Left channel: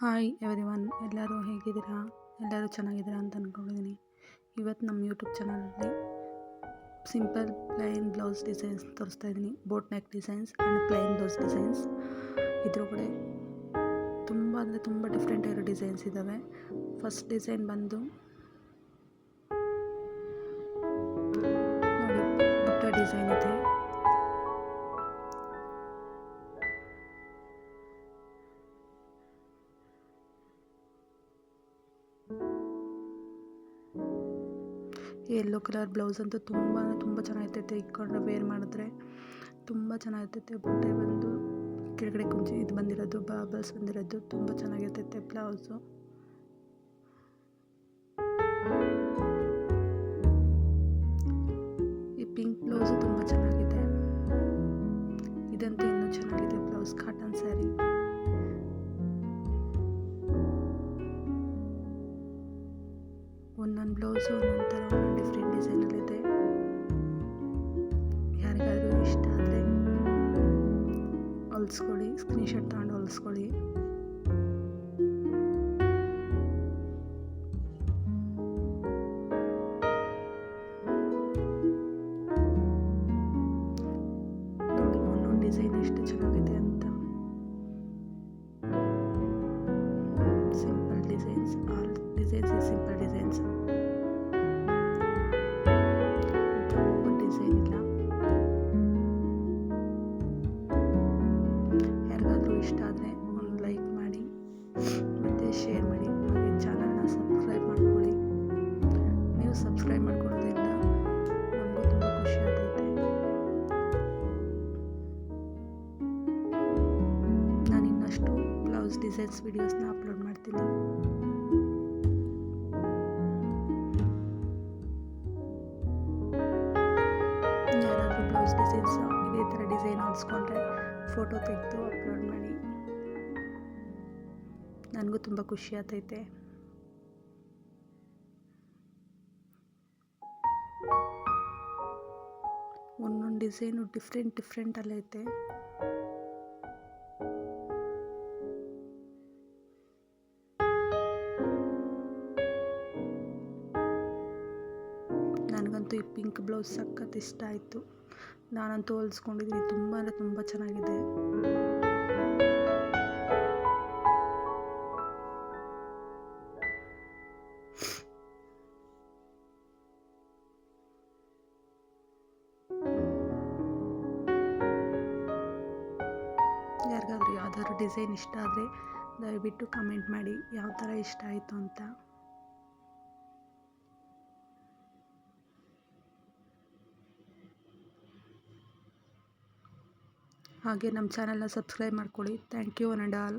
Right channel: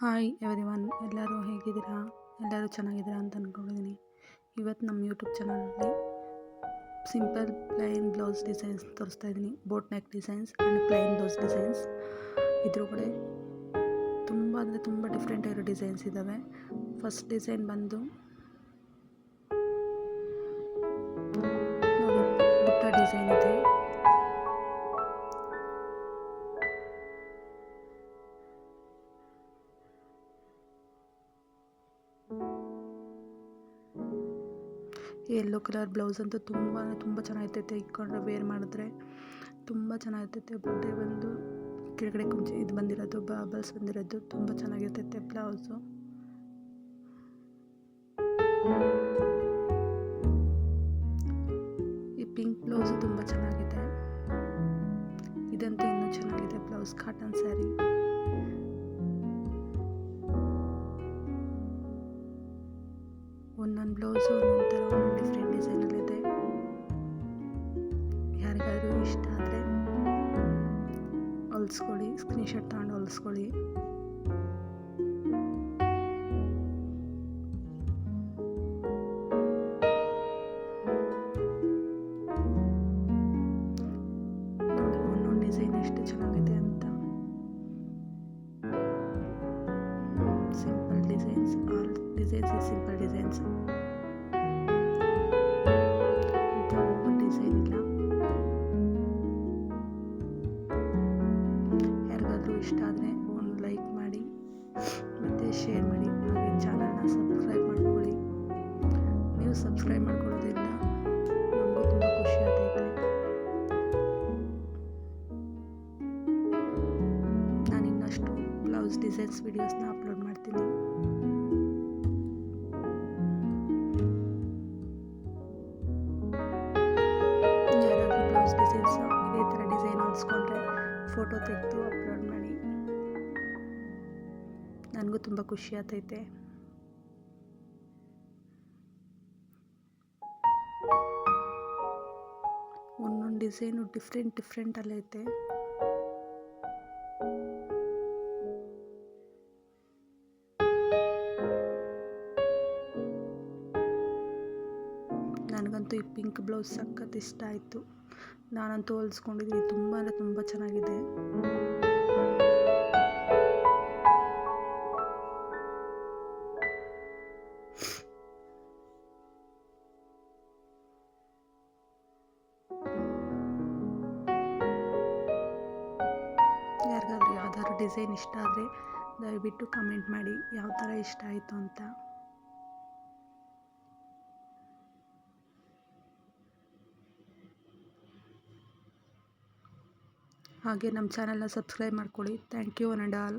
Hi everyone, ಎಲ್ಲರೂ ಹೇಗಿದ್ದೀರಾ? ಎಲ್ಲರೂ ಚೆನ್ನಾಗಿದ್ದೀರಾ ಅಂತ ಅಂದ್ಕೊಂಡಿದ್ದೀನಿ. ಇವತ್ತು ನಮ್ಮ ಯೂಟ್ಯೂಬ್ ಚಾನಲಲ್ಲಿ ಸಿಂಪಲ್ ಪ್ಲೈನ್ ಬ್ಲೌಸ್ ಡಿಸೈನ್ಸ್ ತೋರಿಸ್ತಾ ಇದ್ದೀನಿ. Boat neck designs and plain blouse designs. ಇದ್ರ ಕಡೆ ತುಂಬ ಡಿಫ್ರೆಂಟ್ ಆಗಿರೋ ಡಿಸೈನ್ಸ್ ಇದ್ದಾವೆ. ಫಸ್ಟ್ ಡಿಸೈನ್ ಬಂದು ನೋಡಿ, ಬುಟ್ಟ ಡಿಸೈನ್ ಇದೆ. ಯೆಲ್ಲೋ ಕಲರ್ ಬ್ಲೌಸ್ ಅಂತೂ ತುಂಬ ಚೆನ್ನಾಗಿರ್ತೈತೆ. ಇಟ್ಕೊಂಡ್ರೆ ವೇರ್ ಮಾಡಿದ್ರೆ ತುಂಬ ಚೆನ್ನಾಗಿರ್ತೈತೆ. ಬುಟ್ಟೆ ಬಂದು ಕೆಳಗಡೆ ಕುಂಚಿ ಇದು ಬಂದಿರೋದು, ಬಾಬಲ್ಸ್ ಬಂದಿರೋದು ತುಂಬ ಚೆನ್ನಾಗಿರ್ತೈತೆ ಬ್ಲೌಸು. ಈ ಪಿಂಕ್ ಬ್ಲೌಸು ತುಂಬ ಚೆನ್ನಾಗಿದೆ. ಇದಂತೂ ಇನ್ನೂ ಚೆನ್ನಾಗಿದೆ ಬ್ಲೌಸ್. ಕಾಟನ್ ಸ್ಯಾರಿ. ಒಂದೊಂದು ಬ್ಲೌಸು ಒಂದೊಂದು ಥರ ಒಂದೊಂದು ಡಿಫ್ರೆಂಟ್ ಡಿಸೈನಲ್ಲಿದೆ. ಯಾರಿಗಾದರೂ ಇಷ್ಟ ಆದರೆ ಹೊಲಿಸ್ಕೊಳ್ಳಿ, ಸ್ಕ್ರೀನ್ಶಾಟ್ ತಗೊಂಡು ಹೊಲಿಸ್ಕೊಳ್ಳಿ. ನೋಡಿ ಒಂದೊಂದು ಡಿಸೈನ್ ಎಷ್ಟು ಚೆನ್ನಾಗಿದೆ ಅಂತ. Simple designs, all designs is simple designs ಅಂತ ಓವರ್ ಡಿಸೈನ್ ಇಲ್ಲ. ಯಾರಿಗಾದರೂ ಇಷ್ಟ ಆದರೆ ಒಂದು ಲೈಕ್ ಮಾಡಿ ಮತ್ತು ಶೇರ್ ಮಾಡಿ. ಹಾಗೆ ಚಾನಲ್ನ ಸಬ್ಸ್ಕ್ರೈಬ್ ಮಾಡ್ಕೊಳ್ಳಿ. ನೀವು ಸಬ್ಸ್ಕ್ರೈಬ್ ಮಾಡ್ಕೊಳ್ಳೋದ್ರಿಂದ ನಮಗೂ ತುಂಬ ಖುಷಿ ಆಗ್ತೈತೆ. ನಾನು ಇನ್ನಷ್ಟು ಬ್ಲೌಸ್ ಡಿಸೈನ್ಸ್ ವಿಡಿಯೋಸ್ನ ಅಪ್ಲೋಡ್ ಮಾಡ್ತೀನಿ. ಯಾರಾದರೂ ಬ್ಲೌಸ್ ಡಿಸೈನ್ಸ್ ಇದೇ ಥರ ಡಿಸೈನ್ ಹೊಲಿಸ್ಕೊಂಡ್ರೆ ಫೋಟೋ ತೆಗೆದು ಅಪ್ಲೋಡ್ ಮಾಡಿ. ನನಗೂ ತುಂಬ ಖುಷಿ ಆಗ್ತೈತೆ. ಒಂದೊಂದು ಡಿಸೈನು ಡಿಫ್ರೆಂಟಲ್ಲೈತೆ. ನನಗಂತೂ ಈ ಪಿಂಕ್ ಬ್ಲೌಸ್ ಸಖತ್ ಇಷ್ಟ ಆಯಿತು. ನಾನಂತೂ ಹೊಲಿಸ್ಕೊಂಡಿದ್ದೀನಿ. ತುಂಬ ಚೆನ್ನಾಗಿದೆ. ಯಾರಿಗಾದ್ರೂ ಯಾವ್ದಾದ್ರು ಡಿಸೈನ್ ಇಷ್ಟ ಆದರೆ ದಯವಿಟ್ಟು ಕಮೆಂಟ್ ಮಾಡಿ ಯಾವ ಥರ ಇಷ್ಟ ಆಯಿತು ಅಂತ. ಹಾಗೆ ನಮ್ಮ ಚಾನಲ್ನ ಸಬ್ಸ್ಕ್ರೈಬ್ ಮಾಡ್ಕೊಳ್ಳಿ. Thank you one and all.